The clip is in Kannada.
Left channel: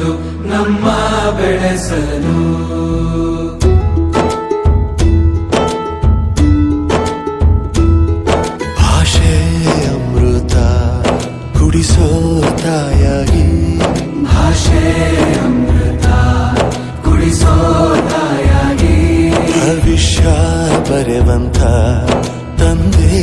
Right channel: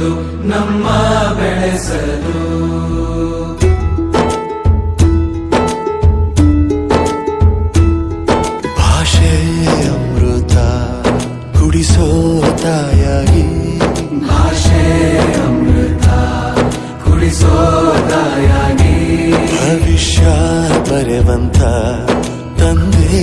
ಭಾಷೆ ಅಮೃತ ಹುಡಿಸೋತಾಯಿ ಭಾಷೆ ಅಮೃತ ಹುಡಿಸೋದಾಗಿ ಭವಿಷ್ಯಾ ಪರವಂಥ ತಂದೇ